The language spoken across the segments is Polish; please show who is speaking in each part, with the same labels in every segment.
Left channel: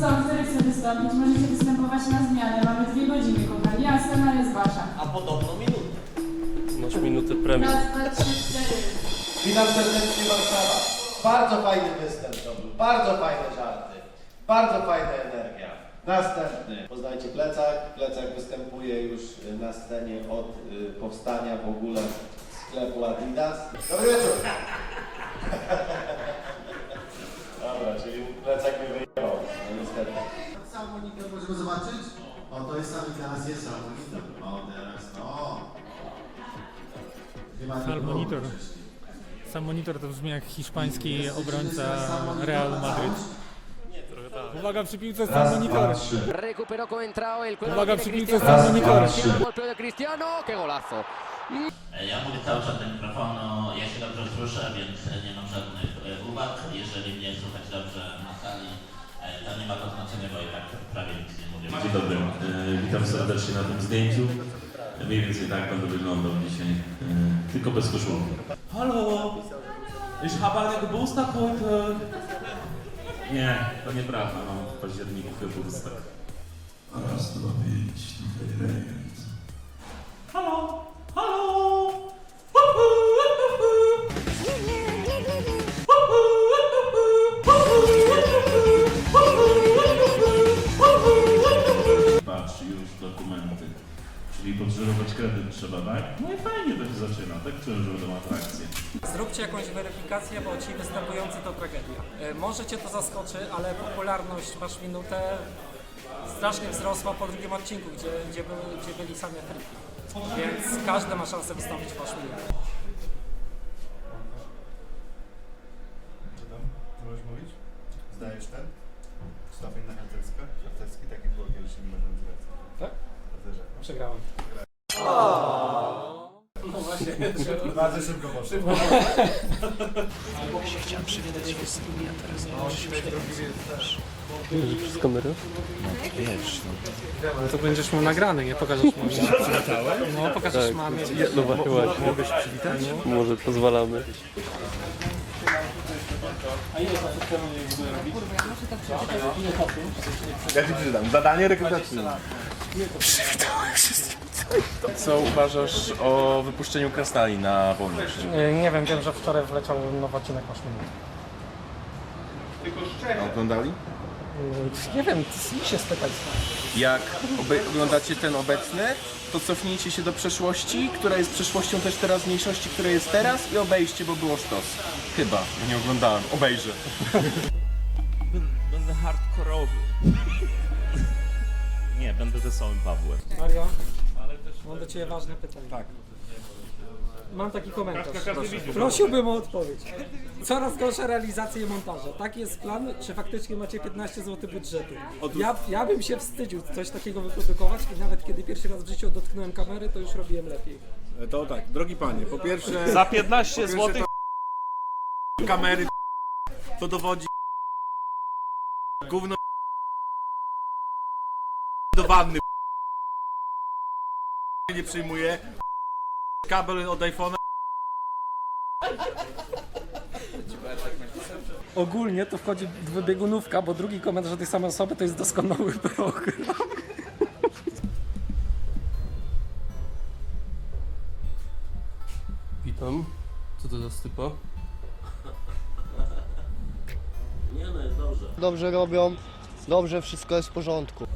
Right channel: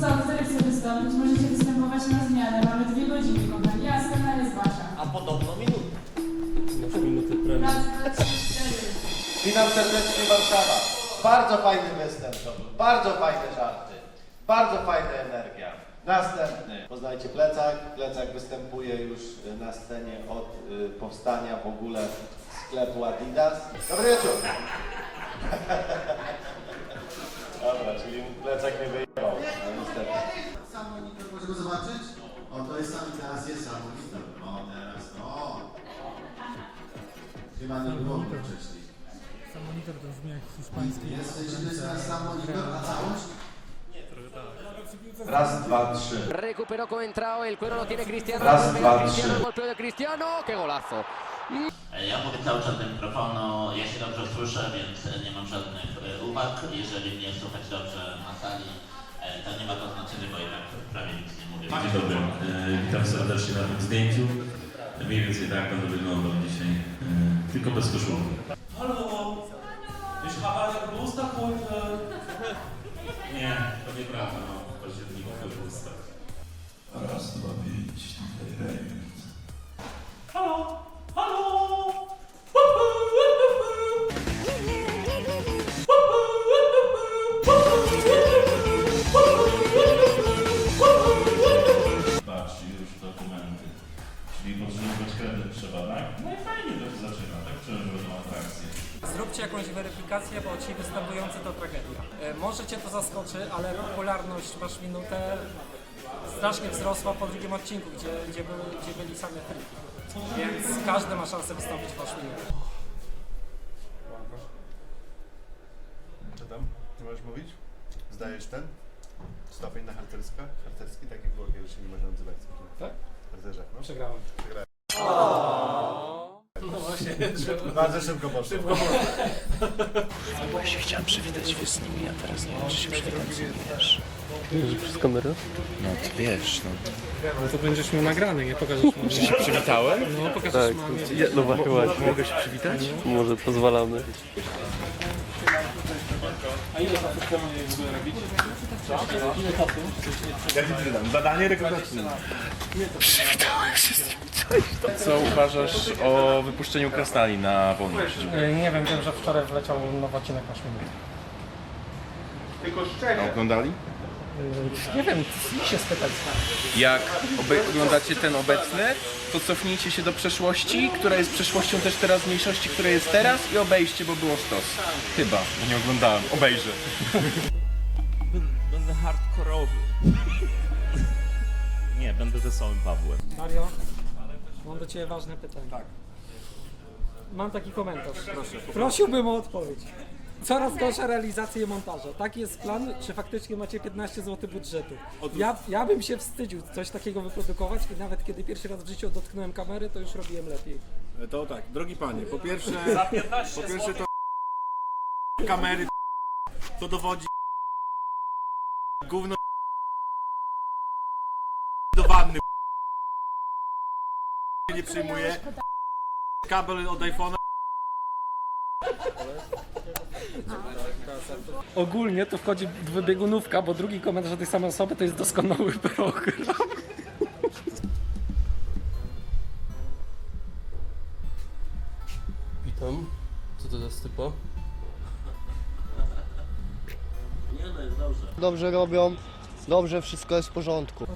Speaker 1: co, który chce wystąpić? Możecie występować na zmianę. Mamy dwie godziny, kochani. A scena jest wasza.
Speaker 2: A podobno minutę.
Speaker 3: Masz minutę premii.
Speaker 1: Raz, dwa, trzy, cztery.
Speaker 4: Witam serdecznie Warszawa. Bardzo fajny występ to był, bardzo fajne żarty, bardzo fajna energia. Następny. Poznajcie Plecak. Plecak występuje już y, na scenie od y, powstania w ogóle sklepu Adidas. Dobry wieczór. Dobra, czyli Plecak no niestety.
Speaker 5: Sam monitor możemy zobaczyć? O, to jest sam i teraz jest sam monitor. O, teraz to. Chyba nie było wcześniej.
Speaker 6: Sam monitor to brzmi jak hiszpański
Speaker 5: Jest, jest
Speaker 6: obrońca
Speaker 5: teraz sam monitor
Speaker 6: Real
Speaker 5: całość?
Speaker 6: Uwaga przy piłce sam
Speaker 4: Raz,
Speaker 6: monitor.
Speaker 4: dwa, trzy.
Speaker 7: Recuperó Coentrao, el cuero lo tiene Cristiano.
Speaker 4: Raz,
Speaker 7: Cristiano,
Speaker 4: trzy.
Speaker 7: golpeo de Cristiano, qué golazo.
Speaker 8: Ja mówię cały czas do mikrofonu, ja się dobrze słyszę, więc nie mam żadnych e, uwag. Jeżeli mnie słychać dobrze na sali, to nie ma to znaczenia, bo i tak prawie nic nie mówię.
Speaker 9: Dzień dobry, E, witam serdecznie na tym zdjęciu. Mniej więcej tak będę wyglądał dzisiaj, e, tylko bez koszulki.
Speaker 2: Hallo, ich habe eine Geburtstag heute.
Speaker 9: Nie, to nieprawda, mam w październiku Fiorówstach.
Speaker 5: Raz, dwa, pięć, tutaj rejent.
Speaker 6: Weryfikację, bo ci występujący to tragedia. E, Może cię to zaskoczy, ale popularność masz minutę strasznie wzrosła po drugim odcinku, gdzie, gdzie, były, gdzie byli same friki. Więc każdy ma szansę wystąpić w masz minutę.
Speaker 10: Co tam? Nie możesz mówić? Zdajesz ten? Stopień na harcerska? Harcerski taki było kiedyś, nie można nazywać.
Speaker 6: Tak?
Speaker 10: Harcerzach, no.
Speaker 6: Przegrałem.
Speaker 10: Bardzo szybko poszło.
Speaker 3: Przez kamerę?
Speaker 6: No to będziesz mu nagrany, nie pokażesz mu.
Speaker 3: Przywitałem?
Speaker 6: No, pokażesz
Speaker 3: Tak,
Speaker 6: mamie.
Speaker 3: ja, no właśnie, właśnie. Mogę się przywitać? Może pozwalamy.
Speaker 10: Ja ci. Zadanie rekrutacyjne.
Speaker 11: Co uważasz o wypuszczeniu krasnali na wolność?
Speaker 6: E, Nie wiem, wiem, że wczoraj wleciał nowy odcinek masz minutę.
Speaker 11: A oglądali?
Speaker 6: Nie wiem, z się spytać.
Speaker 11: Jak oglądacie ten obecny, to cofnijcie się do przeszłości, która jest przeszłością też teraźniejszości, która jest teraz i obejście, bo było sztos. Chyba, bo nie oglądałem. Obejrzę.
Speaker 2: Będę hardkorowy.
Speaker 9: Nie, będę wesołym Pawłem.
Speaker 6: Mario, mam do Ciebie ważne pytanie. Tak. Mam taki komentarz. Proszę. Prosiłbym o odpowiedź. Coraz gorsze realizacje montaża. Taki jest plan, czy faktycznie macie 15 zł budżetu? Ja, ja bym się wstydził coś takiego wyprodukować i nawet kiedy pierwszy raz w życiu dotknąłem kamery, to już robiłem lepiej.
Speaker 10: To tak, drogi panie, po pierwsze...
Speaker 2: Za 15 zł.
Speaker 10: kamery to dowodzi gówno do wanny nie przyjmuje kabel od iPhone'a
Speaker 6: Ogólnie to wchodzi dwubiegunówka, bo drugi komentarz tej samej osoby to jest doskonały program.
Speaker 3: Witam. Co to za stypa?
Speaker 8: Nie no, jest dobrze.
Speaker 4: Dobrze robią, dobrze wszystko jest w porządku.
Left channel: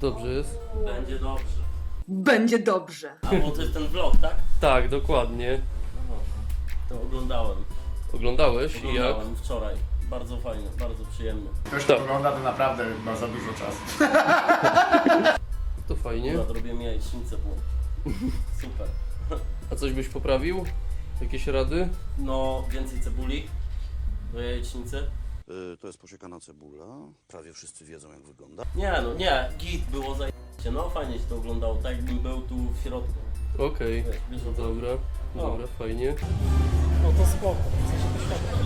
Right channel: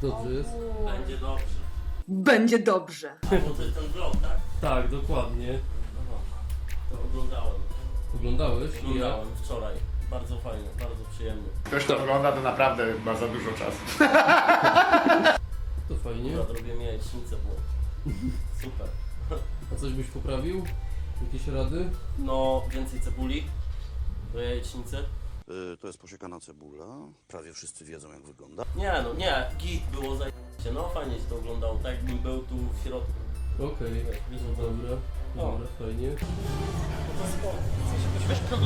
Speaker 3: Dobrze jest?
Speaker 8: Będzie dobrze.
Speaker 1: Będzie dobrze.
Speaker 8: A bo to jest ten vlog, tak?
Speaker 3: Tak, dokładnie.
Speaker 8: To oglądałem.
Speaker 3: Oglądałeś i jak?
Speaker 8: Oglądałem wczoraj. Bardzo fajnie, bardzo przyjemnie.
Speaker 10: Ktoś to ogląda, to naprawdę ma za dużo czasu.
Speaker 3: To fajnie.
Speaker 8: Akurat robiłem jajecznicę, było super.
Speaker 3: A coś byś poprawił? Jakieś rady?
Speaker 8: No, więcej cebuli do jajecznicy.
Speaker 5: To jest posiekana cebula. Prawie wszyscy wiedzą jak wygląda.
Speaker 8: Nie no, nie, git było zajebiście, no fajnie się to oglądało, tak jakbym był tu w środku.
Speaker 3: Okej.
Speaker 8: Wiesz,
Speaker 3: No
Speaker 8: co chodzi.
Speaker 3: dobra. Dobra, fajnie.
Speaker 6: No to spoko. W sensie to świetnie.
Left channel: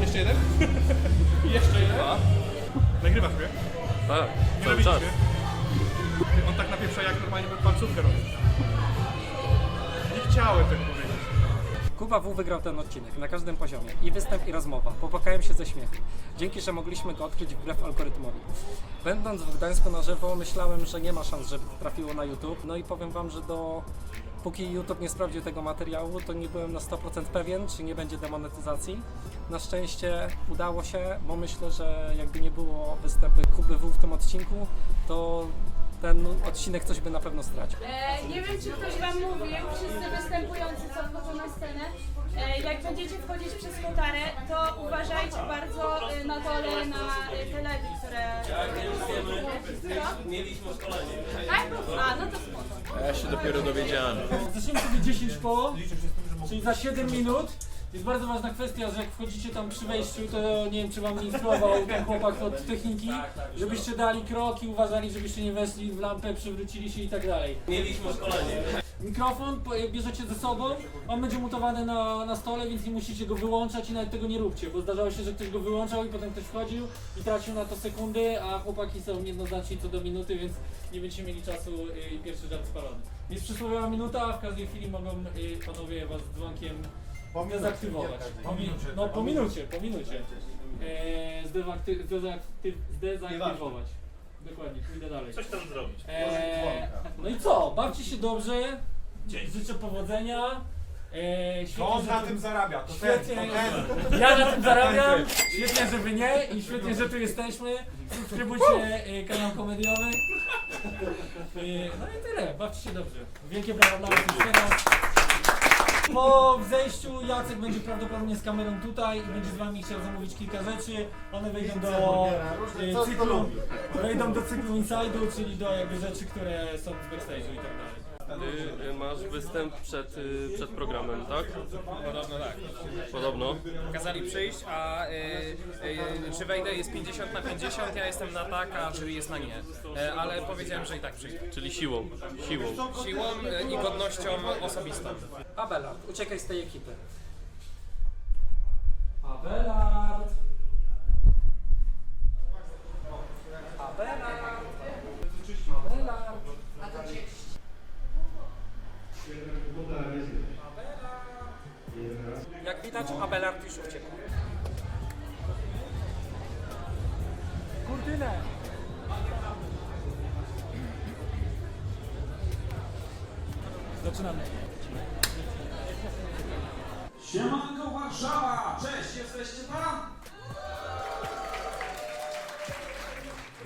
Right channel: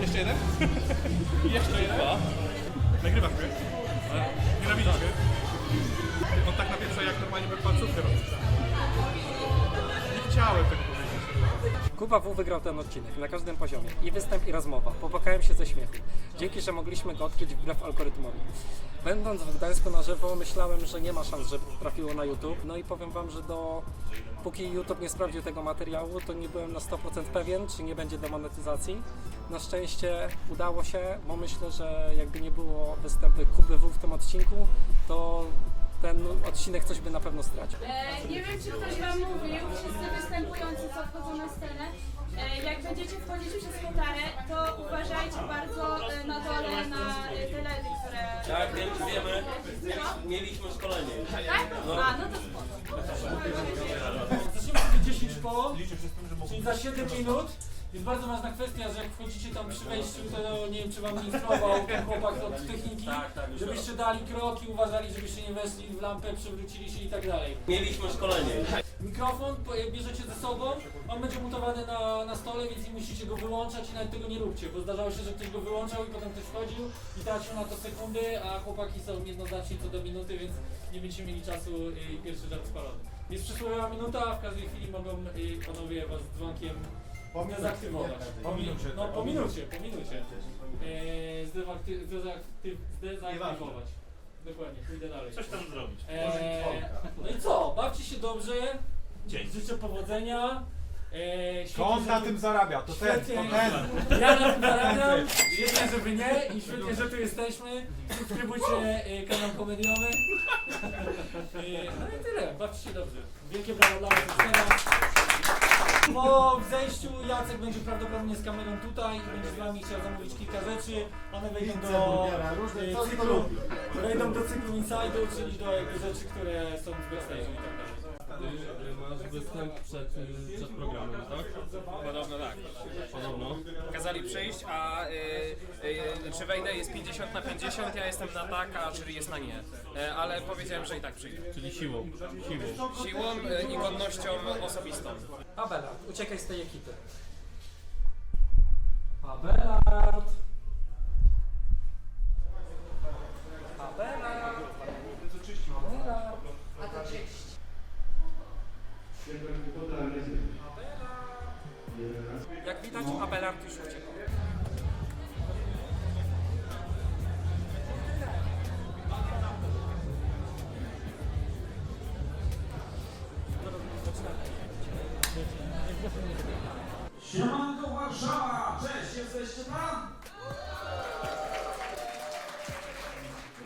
Speaker 12: Jeszcze jeden? Jeszcze jeden? Nagrywasz mnie? Nienawidzisz mnie? Ty, On tak napieprza jak normalnie by palcówkę robił. Nie chciałem tego powiedzieć.
Speaker 13: Kuba W wygrał ten odcinek na każdym poziomie. I występ, i rozmowa. Popłakałem się ze śmiechu. Dzięki, że mogliśmy go odkryć wbrew algorytmowi. Będąc w Gdańsku na żywo, myślałem, że nie ma szans, żeby trafiło na YouTube. No i powiem Wam, że do... Póki YouTube nie sprawdził tego materiału, to nie byłem na 100% pewien, czy nie będzie demonetyzacji. Na szczęście udało się, bo myślę, że jakby nie było występu Kuby W w tym odcinku, to ten odcinek coś by na pewno stracił.
Speaker 1: E, nie wiem, czy ktoś Wam mówił, wszyscy występujący, co wchodzą na scenę, e, jak będziecie wchodzić przez kotarę, to uważajcie bardzo e, na dole na e, te ledy, które... Co?
Speaker 9: Mieliśmy szkolenie.
Speaker 1: Tak? A, no to spoko.
Speaker 13: Zaczniemy sobie 10 koło, czyli za 7 minut. Jest bardzo ważna kwestia, że jak wchodzicie tam przy wejściu, to nie wiem, czy wam instruował ten chłopak od techniki, żebyście dali kroki, uważali, żebyście nie weszli w lampę, przewrócili się i tak dalej.
Speaker 9: Mieliśmy szkolenie.
Speaker 13: Mikrofon bierzecie ze sobą, on będzie montowany na, na stole, więc nie musicie go wyłączać i nawet tego nie róbcie, bo zdarzało się, że ktoś go wyłączał i potem ktoś wchodził i tracił na to sekundy, a chłopaki są jednoznaczni co do minuty, więc nie będziecie mieli czasu y, i pierwszy żart spalony. Jest przysłowiowa minuta, a w każdej chwili mogą y, panowie was dzwonkiem dezaktywować. Po minucie. No po minucie, po minucie. E, zdezakty, zdezakty, zdezaktywować. Dokładnie, pójdę dalej.
Speaker 9: Coś tam zrobić.
Speaker 13: Eee, no i co? Bawcie się dobrze.
Speaker 9: Dzień.
Speaker 13: Życzę powodzenia. Eee, świetnie,
Speaker 12: To on na tym zarabia, to ten,
Speaker 13: Świetnie.
Speaker 12: to ten.
Speaker 13: Ja na tym zarabiam. Świetnie, że wy nie i świetnie, że tu jesteśmy. Subskrybujcie e, kanał komediowy. E, no i tyle. Bawcie się dobrze. Wielkie brawa dla was już teraz. Po wzejściu Jacek będzie prawdopodobnie z kamerą tutaj i będzie z wami chciał zamówić kilka rzeczy. One wejdą do e,
Speaker 14: co kto
Speaker 13: cyklu,
Speaker 14: lubi.
Speaker 13: wejdą do cyklu Inside'u, czyli do jakby rzeczy, które są w backstage'u i tak dalej.
Speaker 15: Ty y, masz występ przed, y, przed programem, tak?
Speaker 16: Podobno tak.
Speaker 15: Podobno.
Speaker 16: Kazali przyjść, a y, y, czy wejdę jest 50 na 50, ja jestem na tak, a jury jest na nie. E, ale powiedziałem, że i tak przyjdę.
Speaker 15: Czyli siłą. Siłą.
Speaker 16: Siłą y, i godnością osobistą.
Speaker 13: Abelard, uciekaj z tej ekipy. Abelard! Abelard! Abelard! Abelard! Jak widać, Abelard już uciekł. Kurdyle! Zaczynamy.
Speaker 9: Siemanko Warszawa! Cześć, jesteście tam?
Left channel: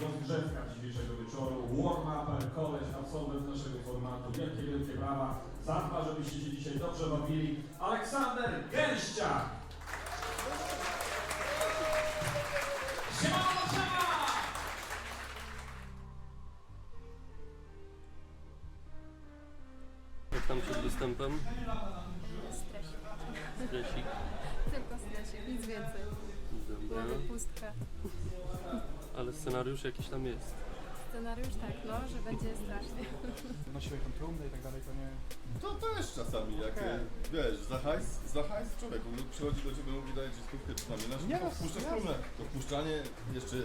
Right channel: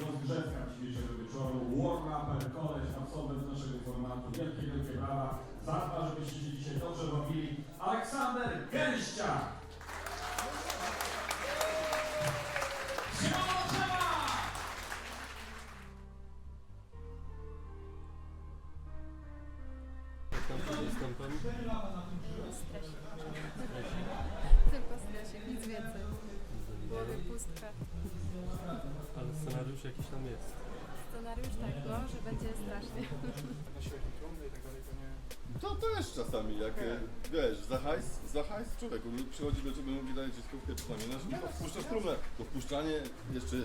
Speaker 2: Rozgrzewka dzisiejszego wieczoru. Warm-up, koleś, absolwent naszego formatu. Wielkie, wielkie brawa. Zadba, żebyście się dzisiaj dobrze bawili. Aleksander Gęścia!
Speaker 9: Siemano Warszawa!
Speaker 15: Jak tam przed występem?
Speaker 3: Stresik. Tylko stresik, nic więcej. W głowie pustka.
Speaker 15: Ale scenariusz jakiś tam jest.
Speaker 3: Scenariusz tak, no, że będzie strasznie.
Speaker 12: Nosiłeś tą trumnę i tak dalej, to nie... To też czasami, jak e, wiesz, za hajs, za hajs człowieku no, przychodzi do ciebie, mówi daje ci stówkę czy tam inaczej,
Speaker 14: Nie,
Speaker 12: to wpuszczasz trumnę. To wpuszczanie jeszcze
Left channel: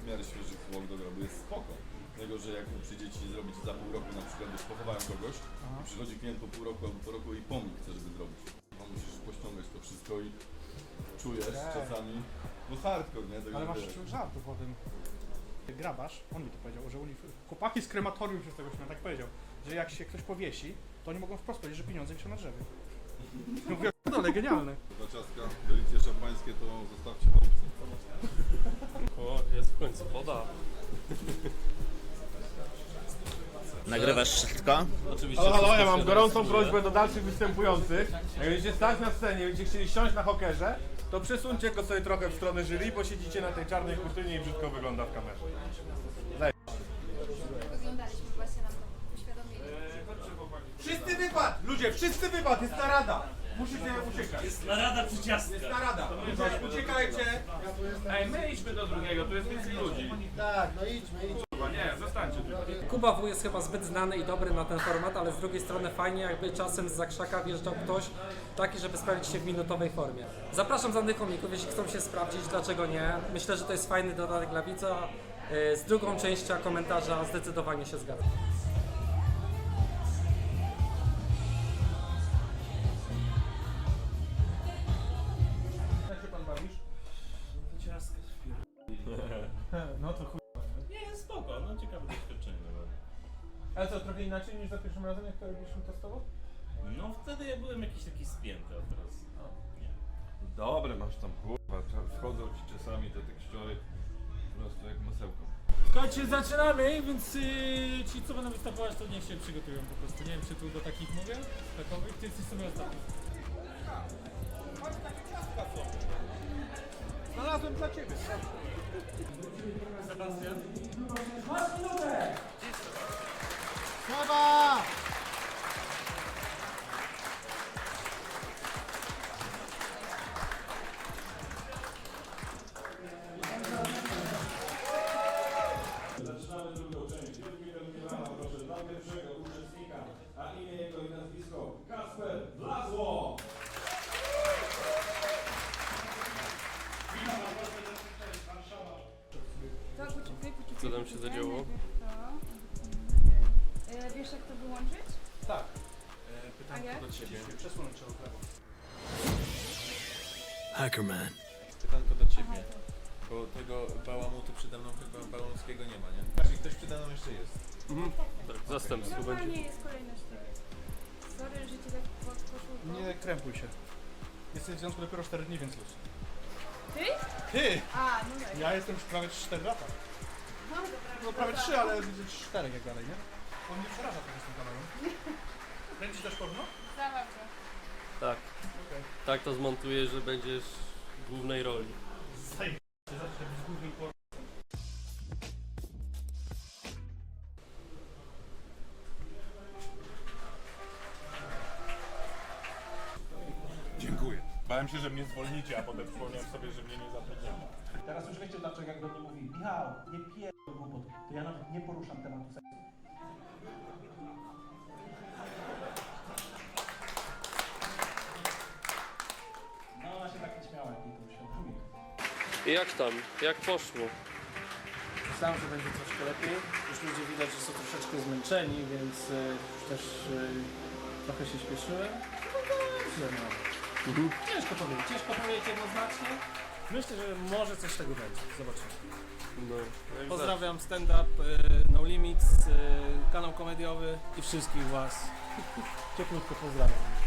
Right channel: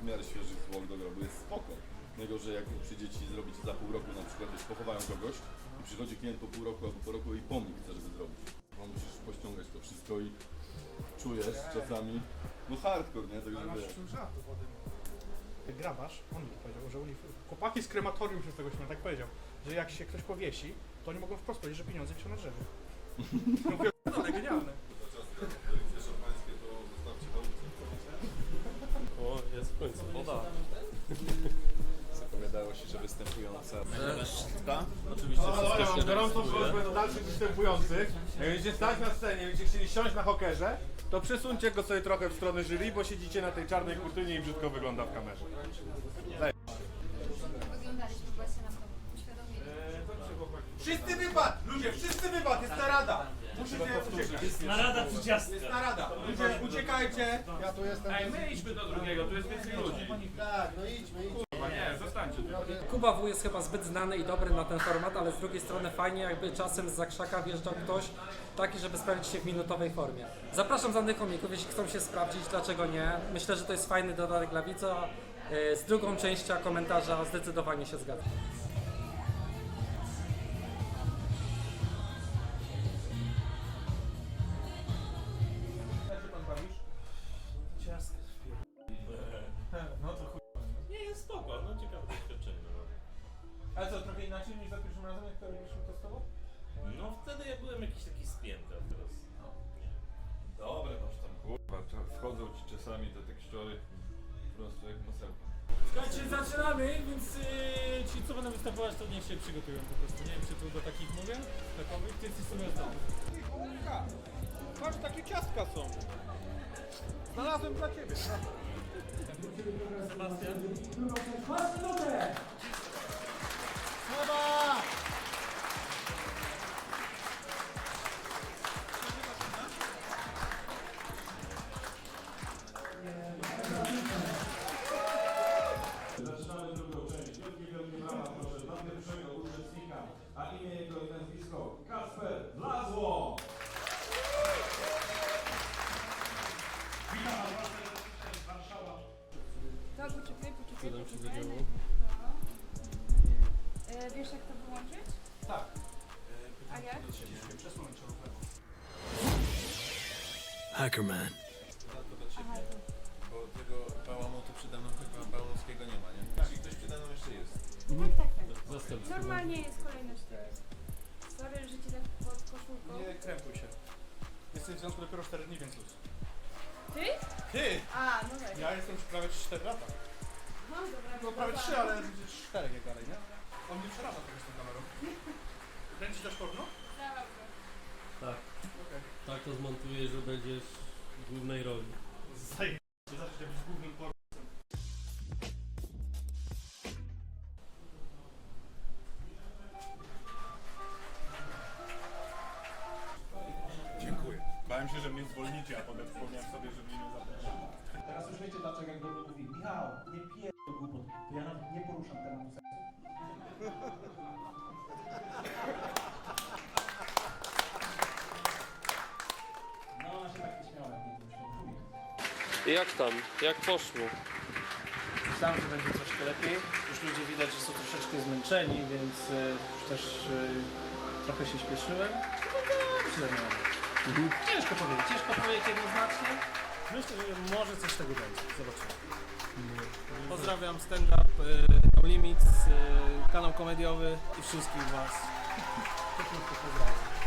Speaker 12: w miarę świeżych zwłok do grobu jest spoko. Tego, że jak przyjdzie ci zrobić za pół roku na przykład, wiesz, pochowają kogoś i przychodzi klient po pół roku albo po roku i pomnik chce, żeby zrobić. No musisz pościągać to wszystko i czujesz czasami, no hardcore, nie? Tego,
Speaker 14: Ale masz
Speaker 12: wiesz.
Speaker 14: żartu po tym. Grabarz, on mi to powiedział, że oni, chłopaki z krematorium się z tego śmieją, tak powiedział, że jak się ktoś powiesi, to oni mogą wprost powiedzieć, że pieniądze wiszą na drzewie. Ja Mówię, no ale genialne.
Speaker 12: Dla ciastka, delicje szampańskie to zostawcie w chałupce.
Speaker 15: O, jest w końcu woda.
Speaker 17: Nagrywasz wszystko?
Speaker 15: Oczywiście.
Speaker 12: Halo, halo, ja mam gorącą prośbę do dalszych występujących. Jak będziecie stać na scenie, będziecie chcieli siąść na hokerze, to przesuńcie go sobie trochę w stronę jury, bo siedzicie na tej czarnej kurtynie i brzydko wygląda w kamerze.
Speaker 3: Wyglądaliśmy, właśnie nam to uświadomili.
Speaker 12: Wszyscy wypad! Ludzie, wszyscy wypad! Jest narada! Musicie uciekać.
Speaker 9: Narada przy ciastce.
Speaker 12: Jest narada! Ludzie, uciekajcie! Ja tu jestem.
Speaker 9: Ej, my idźmy do drugiego, tu jest więcej ludzi.
Speaker 14: Tak, no idźmy, idźmy.
Speaker 13: Nie, zostańcie.
Speaker 6: Kuba W jest chyba zbyt znany i dobry na ten format, ale z drugiej strony fajnie jakby czasem z zakrzaka wjeżdżał ktoś taki, żeby sprawdzić się w minutowej formie. Zapraszam znanych komików, jeśli chcą się sprawdzić, dlaczego nie. Myślę, że to jest fajny dodatek dla widza. Yy, Z drugą częścią komentarza zdecydowanie się zgadzam.
Speaker 13: Jak się pan bawisz? No to Ale co, trochę inaczej niż za pierwszym razem, jak to robiliśmy testowo?
Speaker 9: No wtedy ja byłem jakiś taki spięty, a teraz no, nie.
Speaker 12: Dobre masz tam kurwa, wchodzą ci czasami te tekściory po prostu jak masełko.
Speaker 13: Słuchajcie, zaczynamy, więc yy, ci co będą występować, to niech się przygotują po prostu. Nie wiem, czy tu do takich mówię, takowych, ty jesteś sobie ostatni. Patrz, takie ciastka są. Znalazłem dla ciebie. Sebastian. Masz minutę!
Speaker 3: Co tam się zadziało?
Speaker 18: E, wiesz jak to wyłączyć?
Speaker 13: Tak.
Speaker 18: A jak?
Speaker 13: Przesunąć trzeba w lewo.
Speaker 11: Hackerman.
Speaker 12: Pytanko do ciebie,
Speaker 18: to.
Speaker 12: bo tego bałamutu przede mną chyba bałamskiego nie ma, nie? Znaczy ktoś przede mną jeszcze jest.
Speaker 18: Tak, tak, tak.
Speaker 3: Zastępstwo.
Speaker 18: Normalnie jest kolejność tego. Sorry, że cię tak pod koszulką.
Speaker 13: Nie krępuj się. Jesteś w związku dopiero 4 dni, więc luz.
Speaker 18: Ty?
Speaker 13: Ty!
Speaker 18: A, no tak.
Speaker 13: Ja jestem już prawie 4 lata. Prawie. 3, ale widzę 4 jak dalej, nie? On mnie przeraża trochę z tą kamerą. Kręcisz też porno?
Speaker 18: Zabawne.
Speaker 3: Tak. Tak to zmontuję, że będziesz w głównej roli.
Speaker 13: Zajebiście, zawsze być głównym porno.
Speaker 2: Dziękuję. Bałem się, że mnie zwolnicie, a potem wspomniałem sobie, że mnie nie zatrudniają.
Speaker 19: Teraz już wiecie dlaczego jak do mnie mówi Michał, nie pierdol Jak
Speaker 3: tam? Jak poszło?
Speaker 19: Myślałem, że będzie troszkę lepiej. Już ludzie widać, że są troszeczkę zmęczeni, więc e, już też e, trochę się śpieszyłem. No dobrze, no. Ciężko powiedzieć, ciężko powiedzieć jednoznacznie. Myślę, że może coś z tego będzie. Zobaczymy. Pozdrawiam stand-up, e, No Limits, e, kanał komediowy i wszystkich Was. Cieplutko pozdrawiam.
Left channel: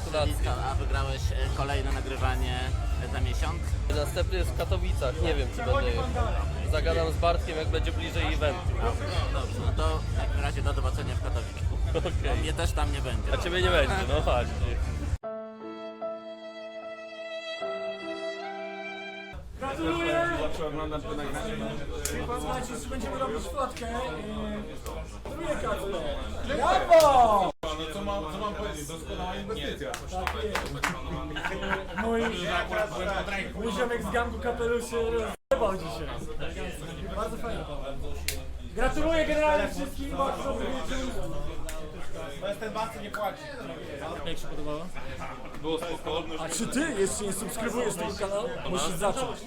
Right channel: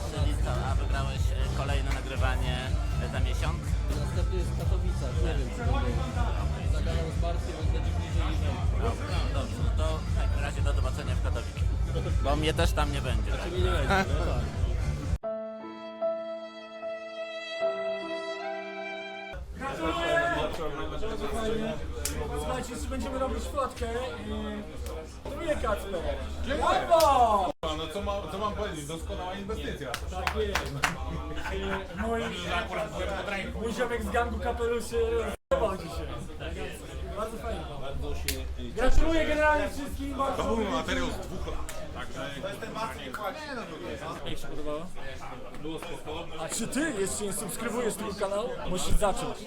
Speaker 3: Gratulacje.
Speaker 17: A wygrałeś e, kolejne nagrywanie e, za miesiąc?
Speaker 3: Następny jest w Katowicach, nie wiem czy będzie. Zagadam z Bartkiem jak będzie bliżej eventu.
Speaker 17: Dobrze, dobrze. No to w takim razie do zobaczenia w Katowicach. Bo mnie też tam nie będzie.
Speaker 3: A ciebie nie będzie, no tak.
Speaker 13: Zawsze oglądam to na Słuchajcie, jeszcze będziemy robić fotkę. Drugie Kacper. Brawo!
Speaker 2: No mam, powiedzieć? Doskonała inwestycja.
Speaker 13: Tak jest. Mój, mój ziomek z gangu kapeluszy rozjebał dzisiaj. Bardzo fajnie. Gratuluję generalnie wszystkim bardzo.
Speaker 2: Bez ten basy nie płaci.
Speaker 13: Jak się podobało?
Speaker 2: Było spoko.
Speaker 13: A czy ty jeszcze nie subskrybujesz tego kanału? Musisz zacząć.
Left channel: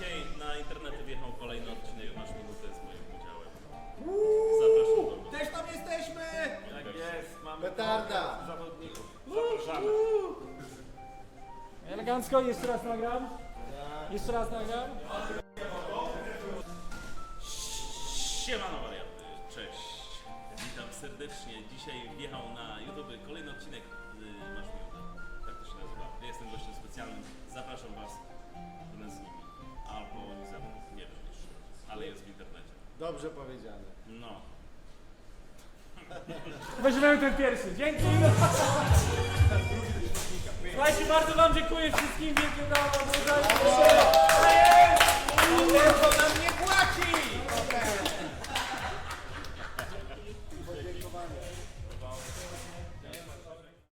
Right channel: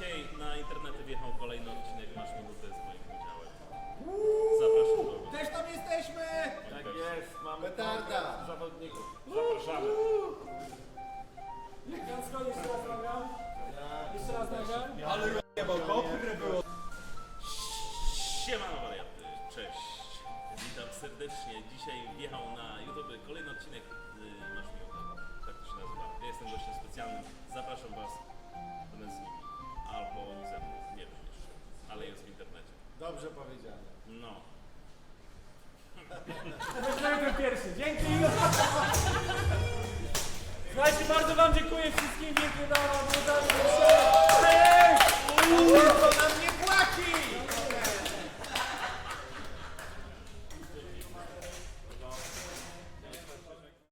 Speaker 9: Dzisiaj na internety wjechał kolejny odcinek Masz Minutę z moim udziałem. Zapraszam do oglądania.
Speaker 13: Też tam jesteśmy!
Speaker 9: Tak jest, mamy
Speaker 4: Petarda.
Speaker 9: zawodników. Zapraszamy.
Speaker 13: Elegancko, jeszcze raz nagram. Jeszcze raz nagram.
Speaker 9: Siemano wariaty, cześć. Witam serdecznie. Dzisiaj wjechał na YouTube kolejny odcinek y, Masz Minutę. Tak to się nazywa. Ja jestem gościem specjalnym. Zapraszam Was razem z nimi albo oni ze mną, nie wiem jeszcze, ale jest w internecie.
Speaker 4: Dobrze powiedziane.
Speaker 9: No.
Speaker 13: Weźmiemy ten pierwszy. Dzięki! Słuchajcie, bardzo wam dziękuję wszystkim. Wielkie brawa, dużo się. Dziękuję, nam nie płaci!